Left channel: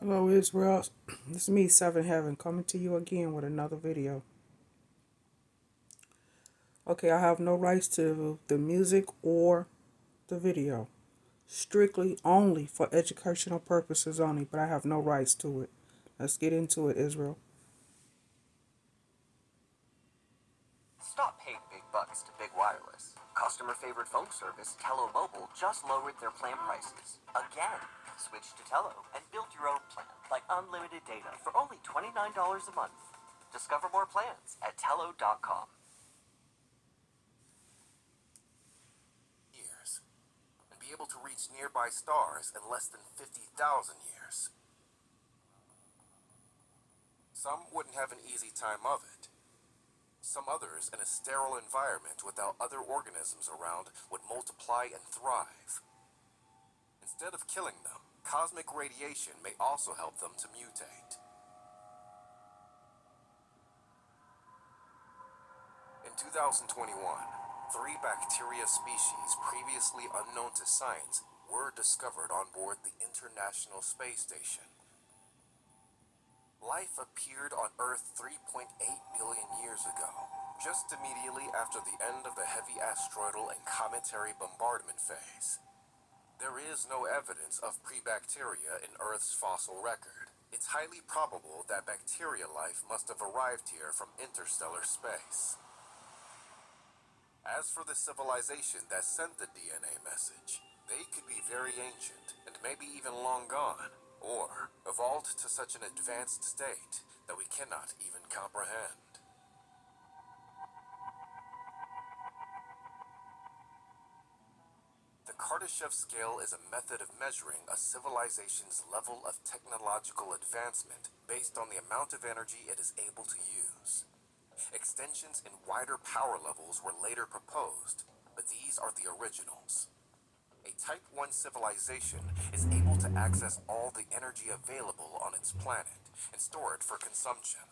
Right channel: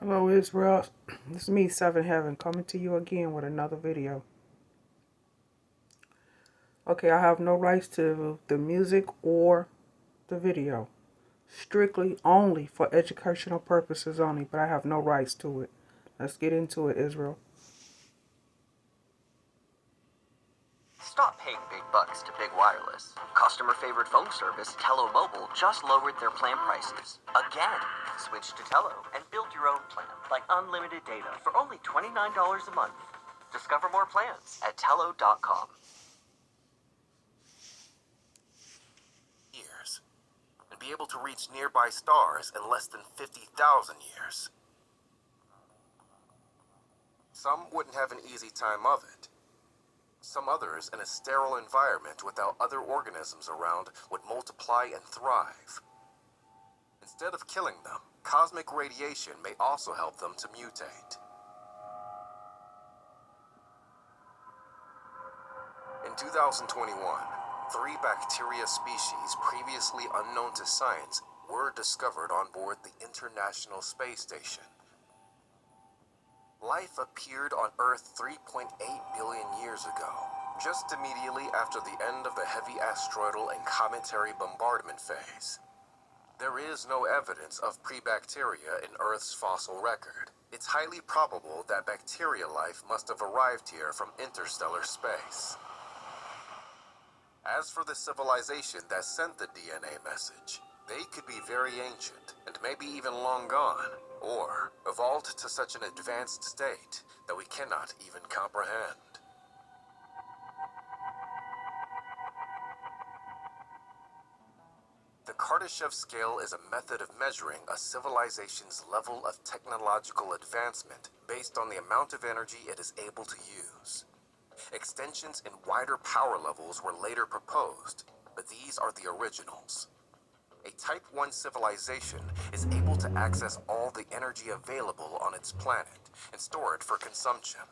Hello Israel, this is me, Seven Heaven, coming to you again with another video. Okay, I have no rights to the music or the video. Strictly only for educational purposes only, but I have no rights to it. Let's get into it, Israel. Stop paying big bucks to Big Wireless. Customer favorite phone service, Tello Mobile, just lowered their plan prices. Again. Switch to Tello and build your own plan, like unlimited data for only $29 a month. Discover more plans at Tello.com. Years, and be able to reach nearby stars in less than 50,000 years. Some wouldn't have an easy time of it. Some others, in a sterile environment without other organisms around, would multiply and thrive. Instead of killing them, cosmic radiation may also help them to mutate. In 2021, 3 bacteria species previously unknown to science were discovered on board the International Space Station. Life appeared on Earth 3.8 billion years ago, just immediately after the end of the heavy asteroidal and cometary bombardment phase. There is no evidence of pre-bacteria in Earth's fossil record. It's highly probable that bacteria life must have arrived here from interstellar space. As for the civilization that sent the DNA message, they could be very ancient and maybe even long gone, or evolved to such an advanced state that we cannot even comprehend. The Kardashev scale is a method of measuring a civilization's level of technological advancement based on the amount of energy it is able to use. Extensions in wider power levels were later proposed, but these are the originals. A Type 1 civilization is able to access all the energy available on its planet and store it for consumption.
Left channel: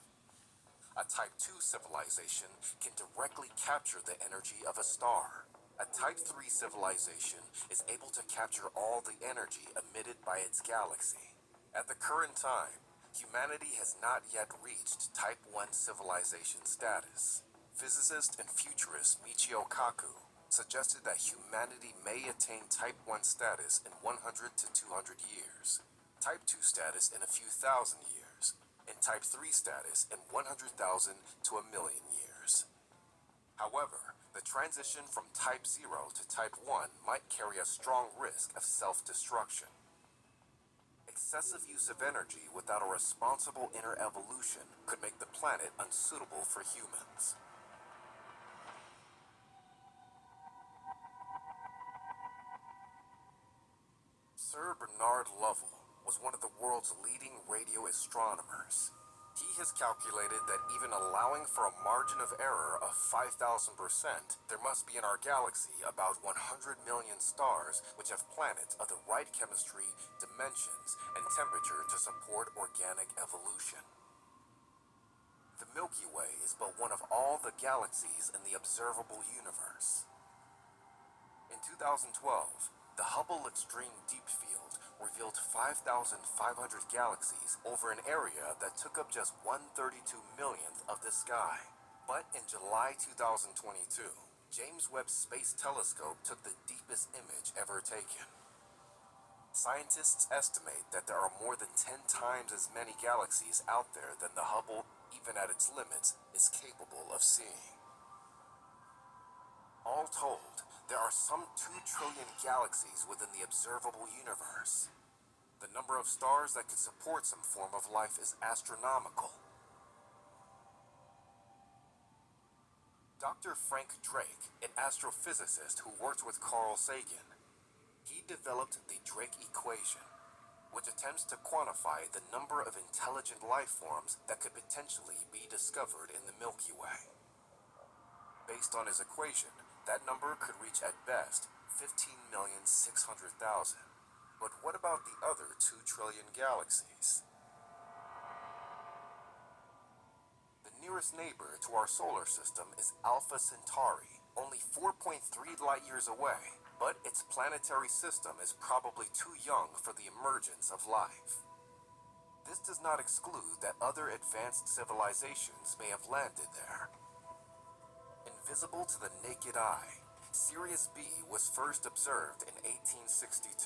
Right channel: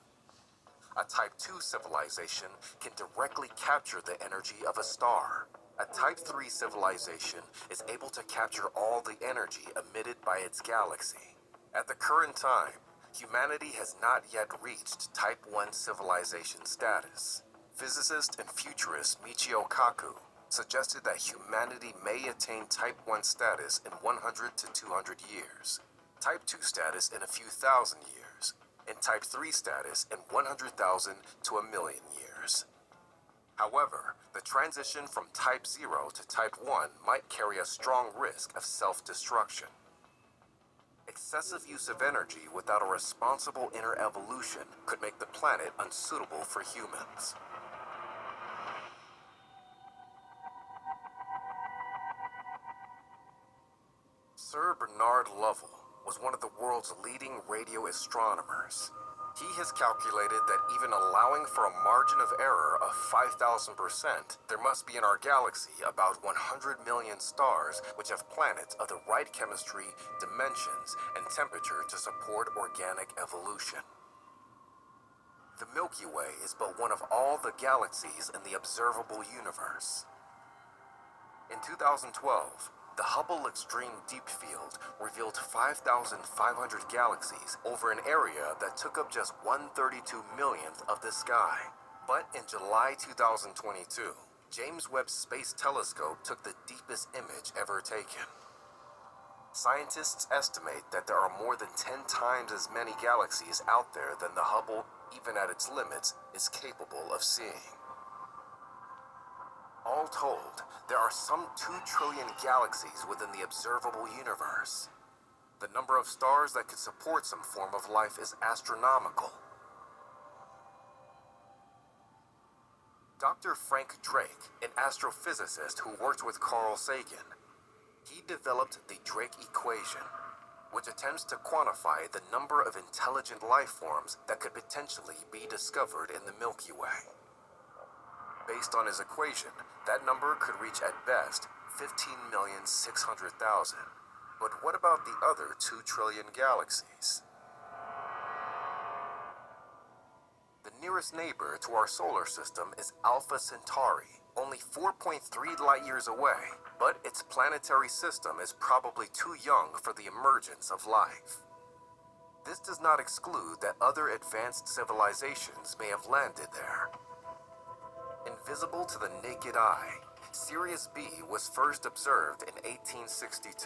A Type 2 civilization can directly capture the energy of a star. A Type 3 civilization is able to capture all the energy emitted by its galaxy. At the current time, humanity has not yet reached Type 1 civilization status. Physicist and futurist Michio Kaku suggested that humanity may attain Type 1 status in 100 to 200 years, Type 2 status in a few thousand years, and Type 3 status in 100,000 to a million years. However, the transition from Type 0 to Type 1 might carry a strong risk of self-destruction. Excessive use of energy without a responsible inner evolution could make the planet unsuitable for humans. Sir Bernard Lovell was one of the world's leading radio astronomers. He has calculated that even allowing for a margin of error of 5,000%, there must be in our galaxy about 100 million stars which have planets of the right chemistry, dimensions, and temperature to support organic evolution. The Milky Way is but one of all the galaxies in the observable universe. In 2012, the Hubble Extreme Deep Field revealed 5,500 galaxies over an area that took up just 132 millionth of the sky. But in July 2022, James Webb Space Telescope took the deepest image ever taken. Scientists estimate that there are more than 10 times as many galaxies out there than the Hubble, even at its limits, is capable of seeing. All told, there are some 2 trillion galaxies within the observable universe. The number of stars that could support some form of life is astronomical. Dr. Frank Drake, an astrophysicist who worked with Carl Sagan, he developed the Drake equation, which attempts to quantify the number of intelligent life forms that could potentially be discovered in the Milky Way. Based on his equation, that number could reach at best 15,600,000. But what about the other 2 trillion galaxies? The nearest neighbor to our solar system is Alpha Centauri, only 4.3 light years away, but its planetary system is probably too young for the emergence of life. This does not exclude that other advanced civilizations may have landed there. Invisible to the naked eye, Sirius B was first observed in 1862,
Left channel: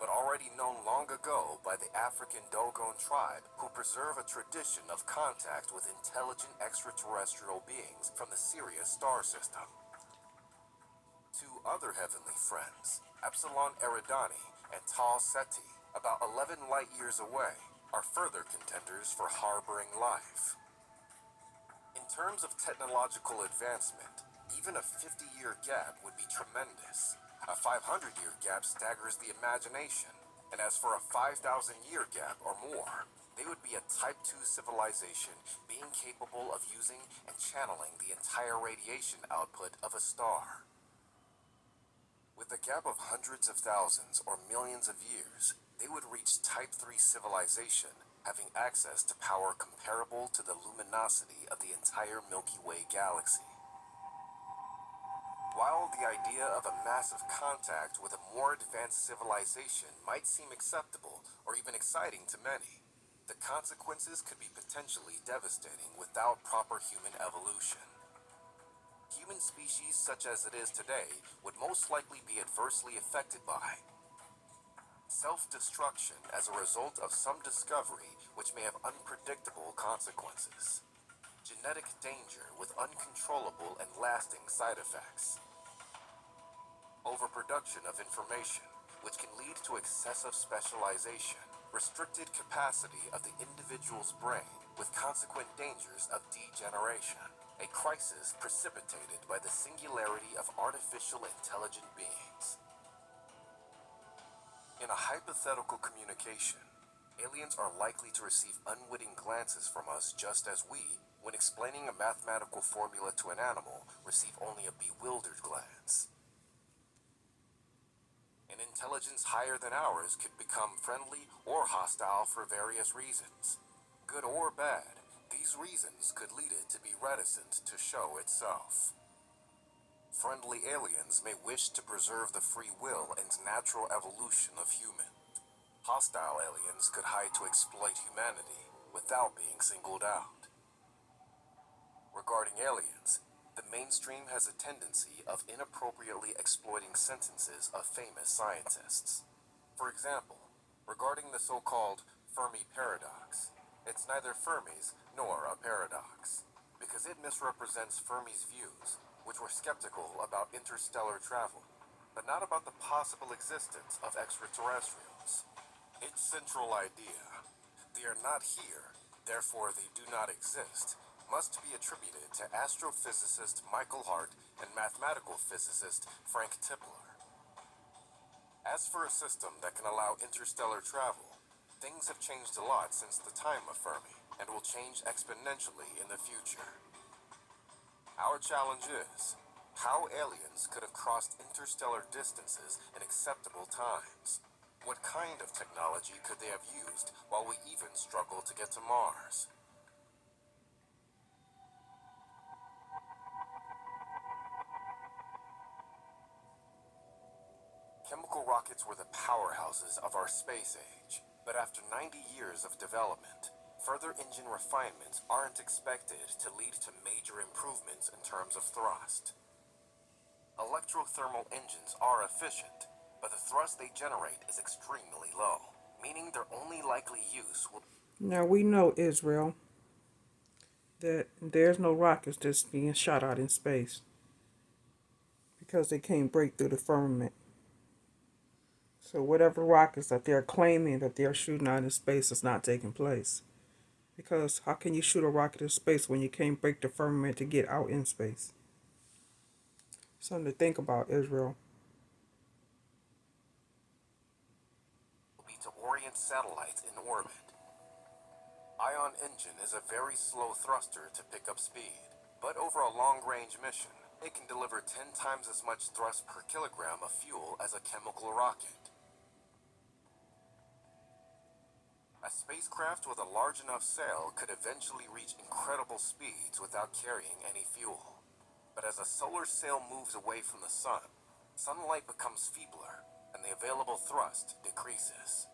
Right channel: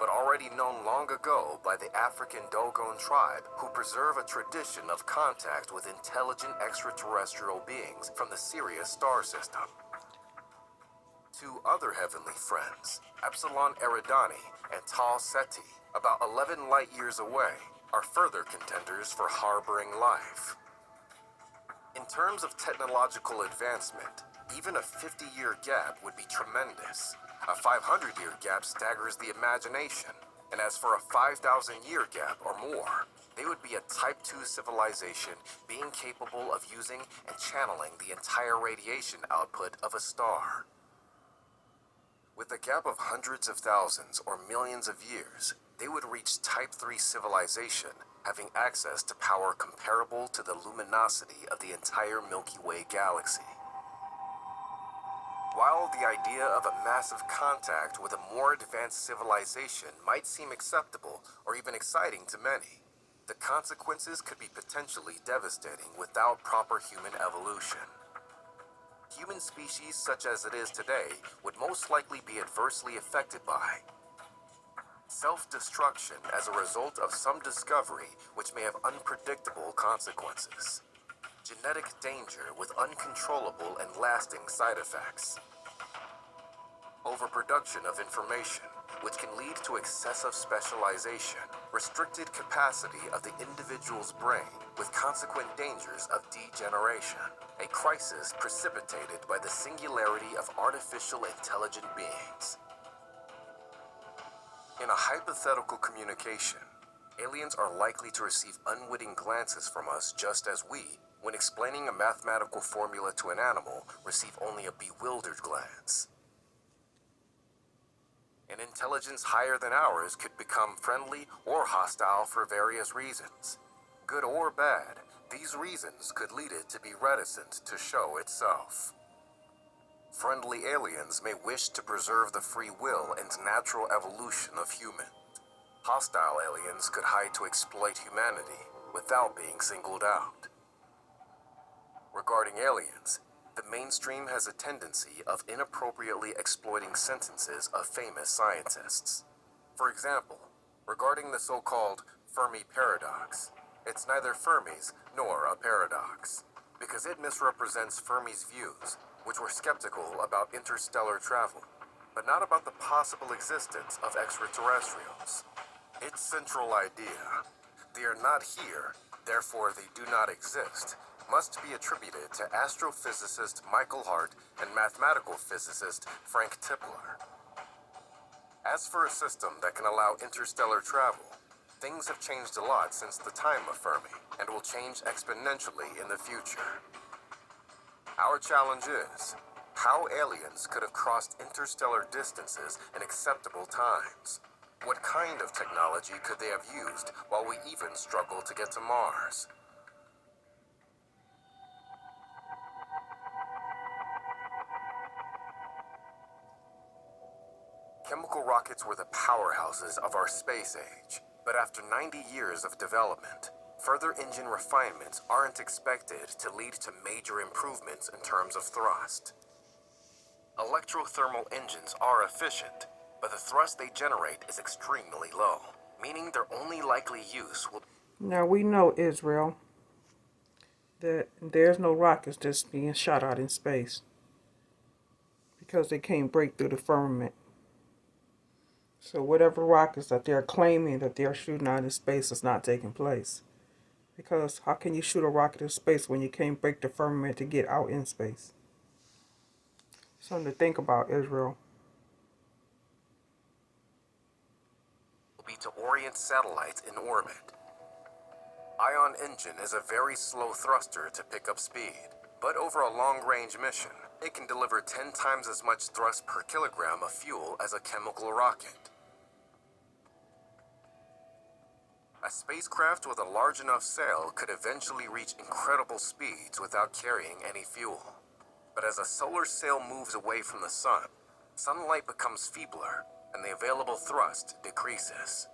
but already known long ago by the African Dogon tribe, who preserve a tradition of contact with intelligent extraterrestrial beings from the Sirius star system. Two other heavenly friends, Epsilon Eridani and Tau Ceti, about 11 light years away, are further contenders for harboring life. In terms of technological advancement, even a 50-year gap would be tremendous. A 500-year gap staggers the imagination, and as for a 5,000-year gap or more, they would be a Type 2 civilization being capable of using and channeling the entire radiation output of a star. With a gap of hundreds of thousands or millions of years, they would reach Type 3 civilization, having access to power comparable to the luminosity of the entire Milky Way galaxy. While the idea of a massive contact with a more advanced civilization might seem acceptable or even exciting to many, the consequences could be potentially devastating without proper human evolution. Human species such as it is today would most likely be adversely affected by self-destruction as a result of some discovery which may have unpredictable consequences, genetic danger with uncontrollable and lasting side effects, overproduction of information, which can lead to excessive specialization, restricted capacity of the individual's brain with consequent dangers of degeneration, a crisis precipitated by the singularity of artificial intelligent beings. In a hypothetical communication, aliens are likely to receive unwitting glances from us just as we, when explaining a mathematical formula to an animal, receive only a bewildered glance. An intelligence higher than ours could become friendly or hostile for various reasons. Good or bad, these reasons could lead it to be reticent to show itself. Friendly aliens may wish to preserve the free will and natural evolution of humans. Hostile aliens could hide to exploit humanity without being singled out. Regarding aliens, the mainstream has a tendency of inappropriately exploiting sentences of famous scientists. For example, regarding the so-called Fermi paradox, it's neither Fermi's nor a paradox, because it misrepresents Fermi's views, which were skeptical about interstellar travel, but not about the possible existence of extraterrestrials. Its central idea, they are not here, therefore they do not exist, must be attributed to astrophysicist Michael Hart and mathematical physicist Frank Tipler. As for a system that can allow interstellar travel, things have changed a lot since the time of Fermi, and will change exponentially in the future. Our challenge is, how aliens could have crossed interstellar distances in acceptable times? What kind of technology could they have used while we even struggle to get to Mars? Chemical rockets were the powerhouses of our space age, but after 90 years of development, further engine refinements aren't expected to lead to major improvements in terms of thrust. Electrothermal engines are efficient, but the thrust they generate is extremely low, meaning their only likely use will... Now we know, Israel, that there's no rockets that's being shot out in space because they can't break through the firmament. So whatever rockets that they're claiming that they're shooting out in space is not taking place. Because how can you shoot a rocket in space when you can't break the firmament to get out in space? Something to think about, Israel. be to orient satellites in orbit. Ion engine is a very slow thruster to pick up speed, but over a long-range mission, it can deliver 10 times as much thrust per kilogram of fuel as a chemical rocket. A spacecraft with a large enough sail could eventually reach incredible speeds without carrying any fuel. But as a solar sail moves away from the sun, sunlight becomes feebler and the available thrust decreases.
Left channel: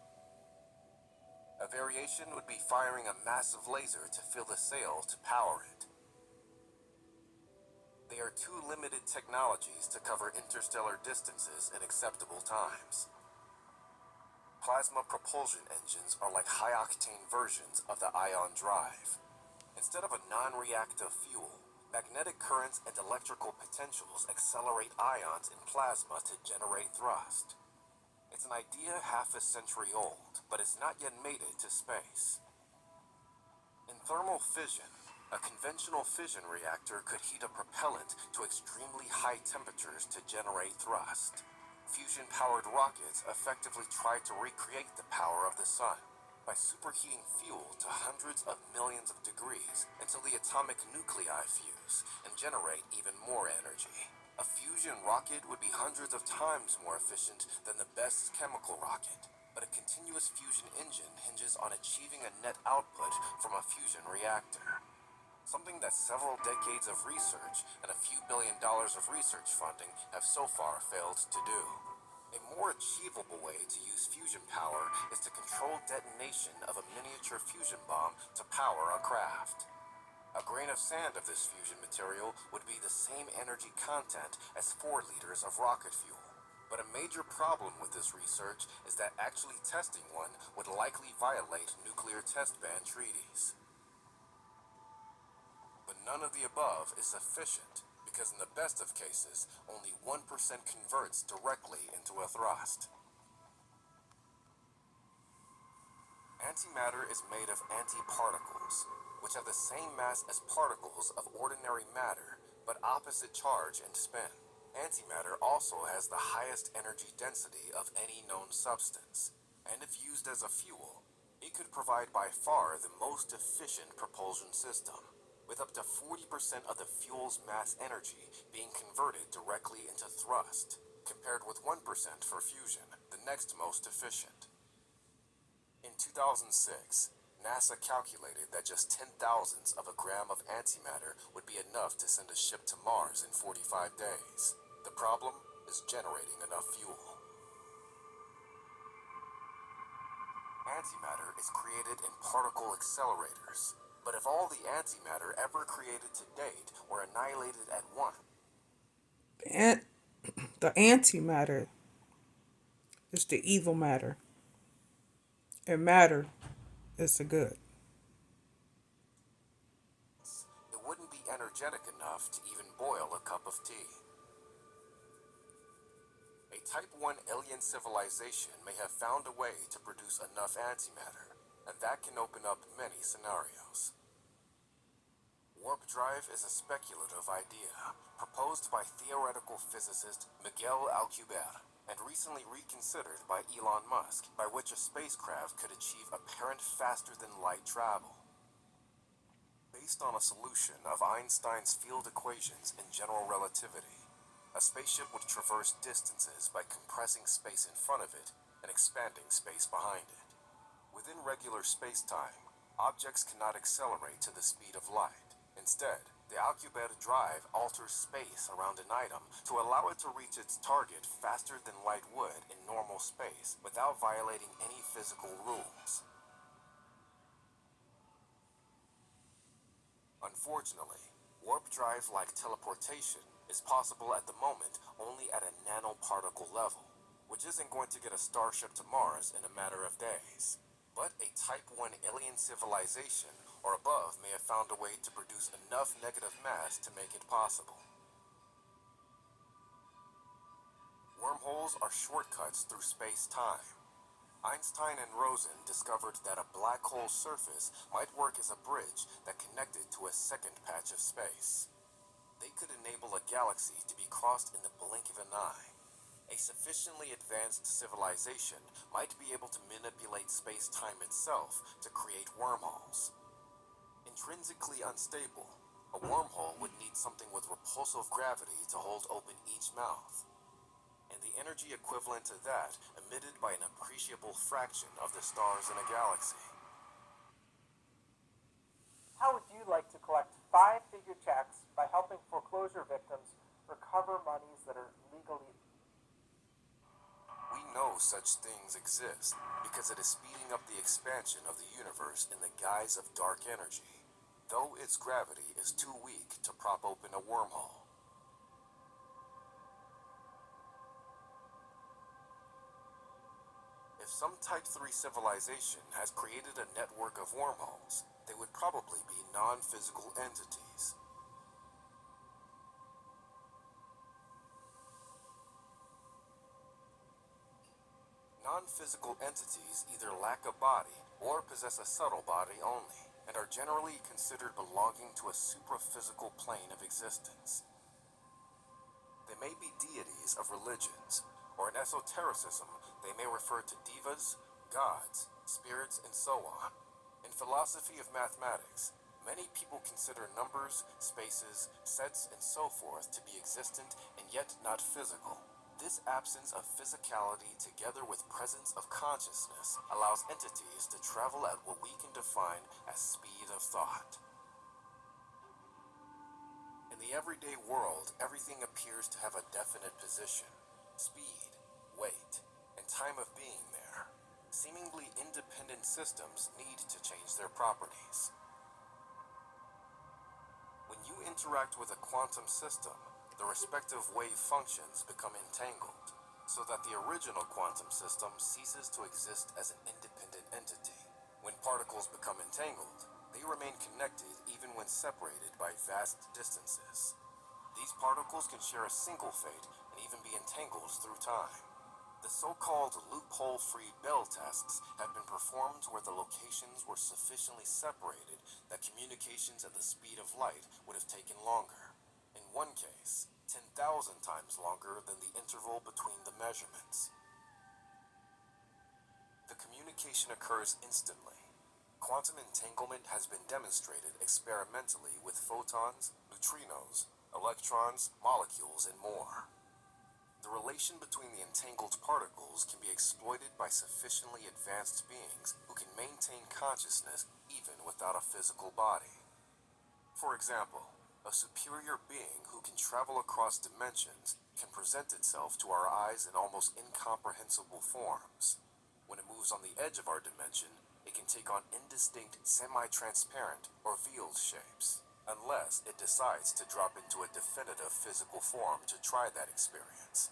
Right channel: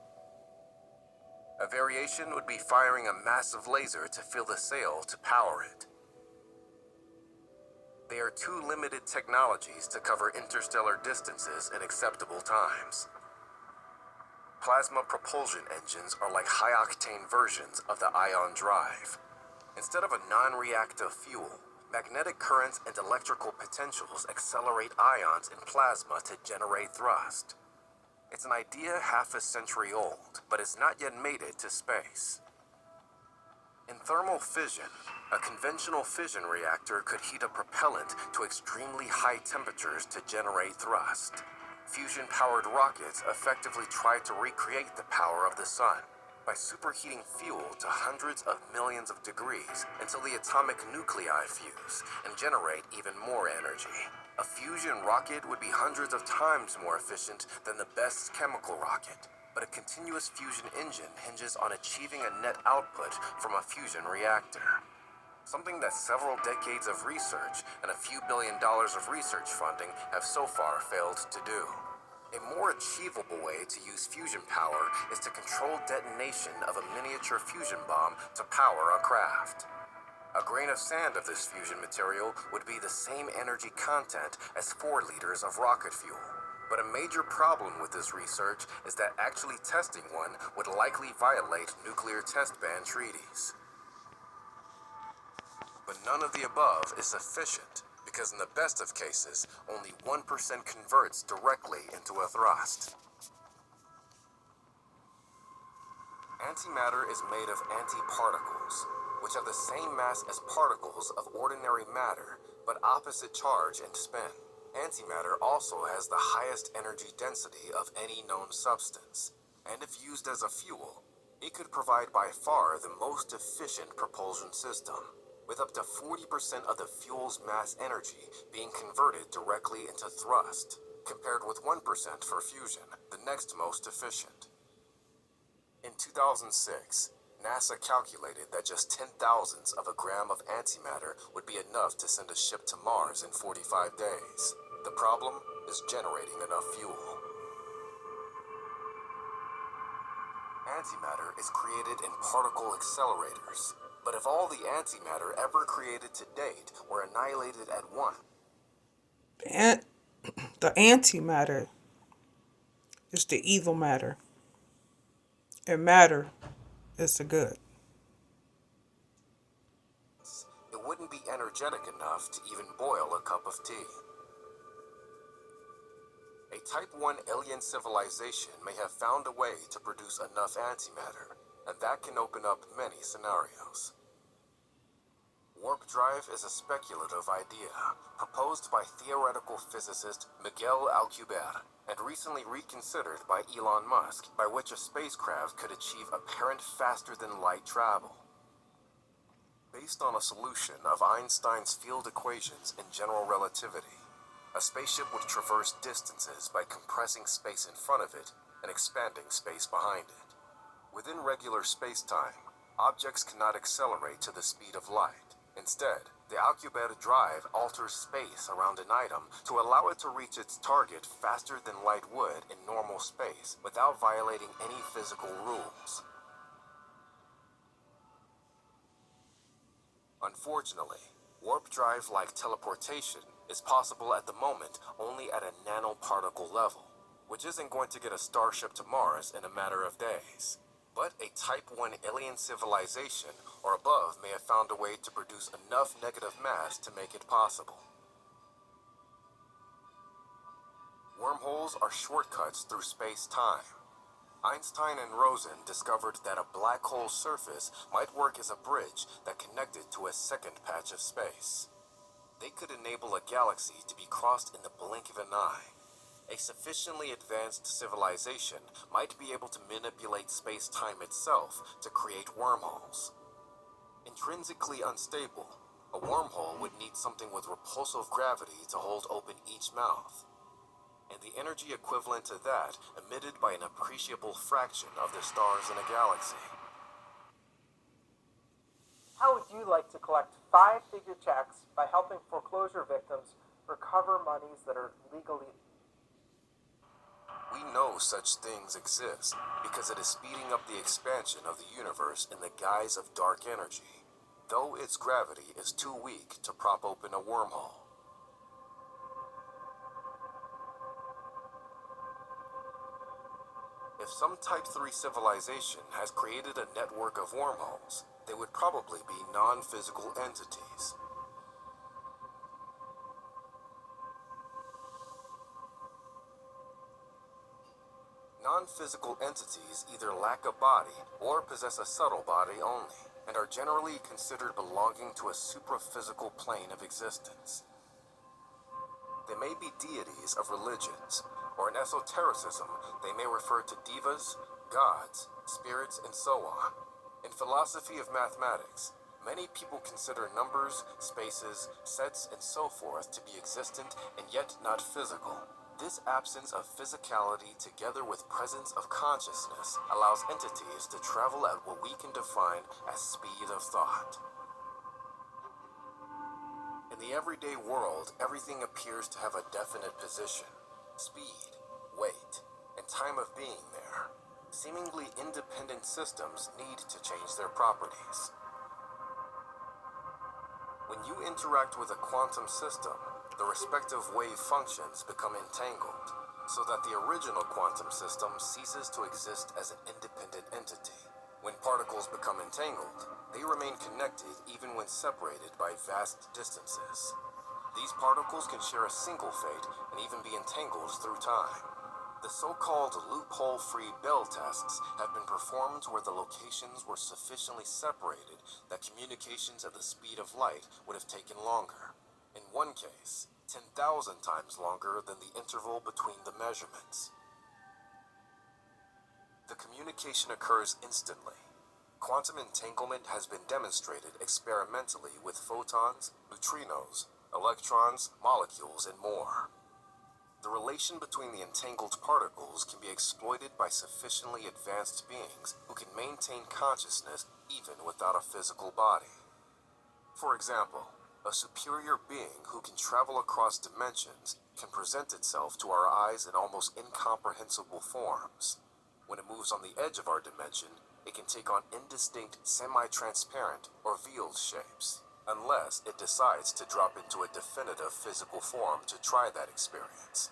variation would be firing a massive laser to fill the sail to power it. They are two limited technologies to cover interstellar distances in acceptable times. Plasma propulsion engines are like high-octane versions of the ion drive. Instead of a non-reactive fuel, magnetic currents and electrical potentials accelerate ions in plasma to generate thrust. It's an idea half a century old, but it's not yet made it to space. In thermal fission, a conventional fission reactor could heat a propellant to extremely high temperatures to generate thrust. Fusion-powered rockets effectively try to recreate the power of the sun by superheating fuel to hundreds of millions of degrees until the atomic nuclei fuse and generate even more energy. A fusion rocket would be hundreds of times more efficient than the best chemical rocket, but a continuous fusion engine hinges on achieving a net output from a fusion reactor. Something that several decades of research and a few $1 billion of research funding have so far failed to do. A more achievable way to use fusion power is to control detonation of a miniature fusion bomb to power a craft. A grain of sand of this fusion material would be the same energy content as 4 liters of rocket fuel. But a major problem with this research is that actually testing one would likely violate nuclear test ban treaties. But none of the above is sufficient, because in the best of cases, only 1% converts directly into a thrust. Antimatter is made of antiparticles, which have the same mass as particles of ordinary matter, but opposite charge and spin. Antimatter also has the highest energy density of any known substance, and if used as a fuel, it could provide by far the most efficient propulsion system, with up to 40% of the fuel's mass energy being converted directly into thrust, compared with 1% for fusion, the next most efficient. In 2006, NASA calculated that just 10,000ths of a gram of antimatter would be enough to send a ship to Mars in 45 days. The problem is generating enough fuel. Antimatter is created in particle accelerators. But if all the antimatter ever created to date were annihilated at once, The antimatter is the evil matter, and matter is the good. it wouldn't be energetic enough to even boil a cup of tea. A Type 1 alien civilization may have found a way to produce enough antimatter, and that can open up many scenarios. Warp drive is a speculative idea proposed by theoretical physicist Miguel Alcubierre and recently reconsidered by Elon Musk, by which a spacecraft could achieve apparent faster-than-light travel. Based on a solution of Einstein's field equations in general relativity, a spaceship would traverse distances by compressing space in front of it and expanding space behind it. Within regular space-time, objects cannot accelerate to the speed of light. Instead, the Alcubierre drive alters space around an item to allow it to reach its target faster than light would in normal space without violating any physical rules. Unfortunately, warp drive, like teleportation, is possible at the moment only at a nanoparticle level, which isn't going to get a starship to Mars in a matter of days. But a Type 1 alien civilization or above may have found a way to produce enough negative mass to make it possible. Wormholes are shortcuts through space-time. Einstein and Rosen discovered that a black hole's surface might work as a bridge that connected to a second patch of space. They could enable a galaxy to be crossed in the blink of an eye. A sufficiently advanced civilization might be able to manipulate space-time itself to create wormholes. Intrinsically unstable, a wormhole would need something with repulsive gravity to hold open each mouth, and the energy equivalent to that emitted by an appreciable fraction of the stars in a galaxy. How would you like to collect 5-figure checks by helping foreclosure victims recover monies that are legally We know such things exist because it is speeding up the expansion of the universe in the guise of dark energy, though its gravity is too weak to prop open a wormhole. If some Type 3 civilization has created a network of wormholes, they would probably be non-physical entities. Non-physical entities either lack a body or possess a subtle body only, and are generally considered belonging to a supraphysical plane of existence. They may be deities of religions, or in esotericism, they may refer to divas, gods, spirits, and so on. In philosophy of mathematics, many people consider numbers, spaces, sets, and so forth to be existent and yet not physical. This absence of physicality together with presence of consciousness allows entities to travel at what we can define as speed of thought. In the everyday world, everything appears to have a definite position, speed, weight, and time of being there. Seemingly independent systems need to change their properties. When you interact with a quantum system, the respective wave functions become entangled, so that the original quantum system ceases to exist as an independent entity. When particles become entangled, they remain connected even when separated by vast distances. These particles can share a single fate and even be entangled through time. The so-called loophole-free Bell tests have been performed where the locations were sufficiently separated that communications at the speed of light would have taken longer. In one case, 10,000 times longer than the interval between the measurements. The communication occurs instantly. Quantum entanglement has been demonstrated experimentally with photons, neutrinos, electrons, molecules, and more. The relation between the entangled particles can be exploited by sufficiently advanced beings who can maintain consciousness even without a physical body. For example, a superior being who can travel across dimensions can present itself to our eyes in almost incomprehensible forms. When it moves on the edge of our dimension, it can take on indistinct, semi-transparent, or veiled shapes, unless it decides to drop into a definitive physical form to try that experience.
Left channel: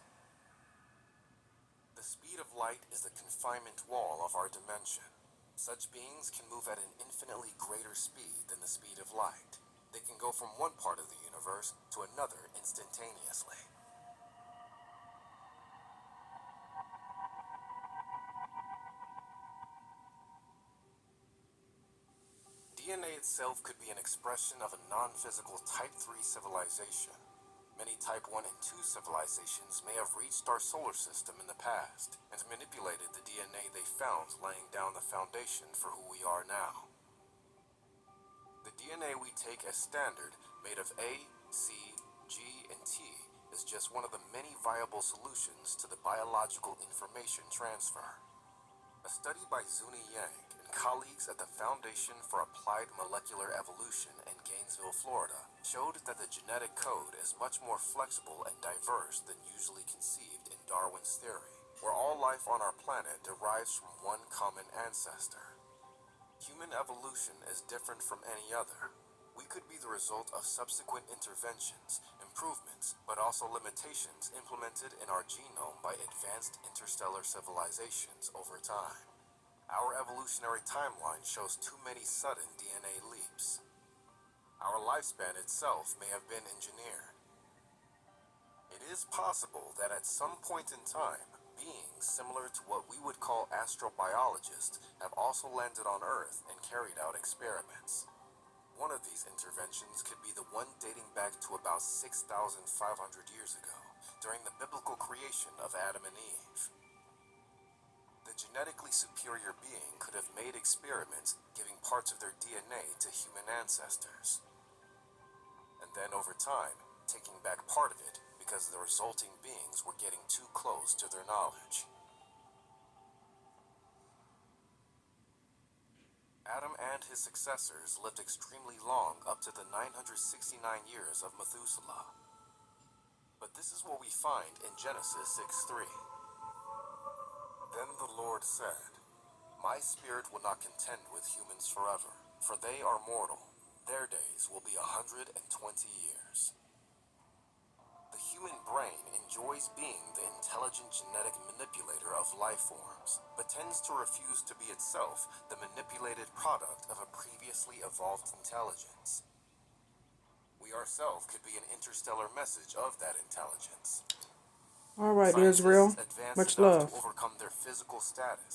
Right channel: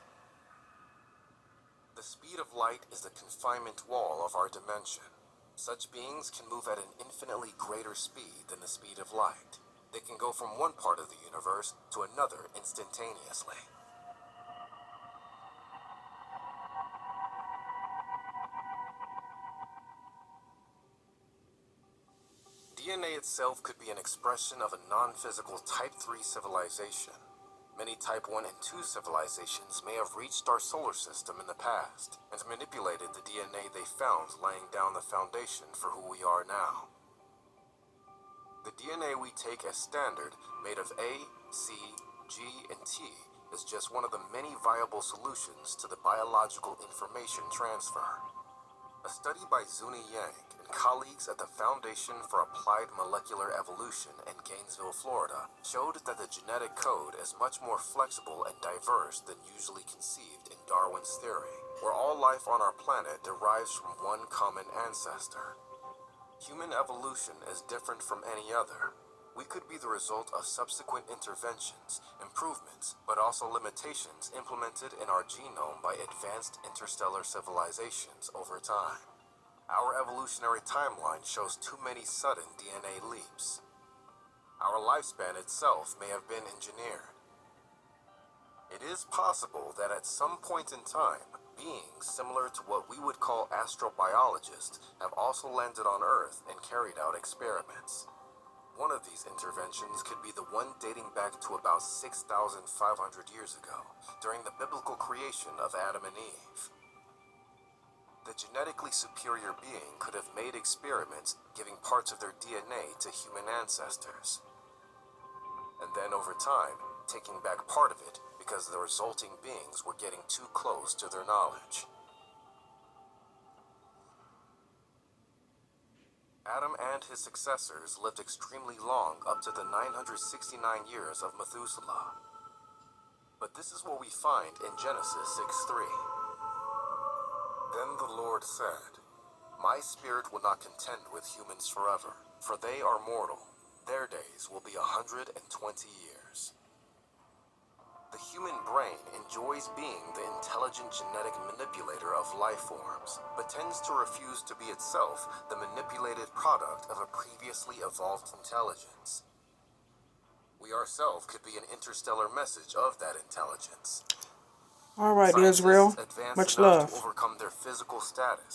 The speed of light is the confinement wall of our dimension. Such beings can move at an infinitely greater speed than the speed of light. They can go from one part of the universe to another instantaneously. DNA itself could be an expression of a non-physical Type 3 civilization. Many Type 1 and 2 civilizations may have reached our solar system in the past and manipulated the DNA they found, laying down the foundation for who we are now. The DNA we take as standard, made of A, C, G, and T, is just one of the many viable solutions to the biological information transfer. A study by Zuni Yang and colleagues at the Foundation for Applied Molecular Evolution in Gainesville, Florida, showed that the genetic code is much more flexible and diverse than usually conceived in Darwin's theory, where all life on our planet derives from one common ancestor. Human evolution is different from any other. We could be the result of subsequent interventions, improvements, but also limitations implemented in our genome by advanced interstellar civilizations over time. Our evolutionary timeline shows too many sudden DNA leaps. Our lifespan itself may have been engineered. It is possible that at some point in time, beings similar to what we would call astrobiologists have also landed on Earth and carried out experiments. One of these interventions could be the one dating back to about 6,500 years ago, during the biblical creation of Adam and Eve. The genetically superior being could have made experiments giving parts of their DNA to human ancestors, and then over time, taking back part of it because the resulting beings were getting too close to their knowledge. Adam and his successors lived extremely long, up to the 969 years of Methuselah. But this is what we find in Genesis 6:3. the Lord said, My spirit will not contend with humans forever, for they are mortal. Their days will be 120 years. The human brain enjoys being the intelligent genetic manipulator of life forms, but tends to refuse to be itself the manipulated product of a previously evolved intelligence. We ourselves could be an interstellar message of that intelligence. All right, Scientists Israel. advance Much enough to love. overcome their physical status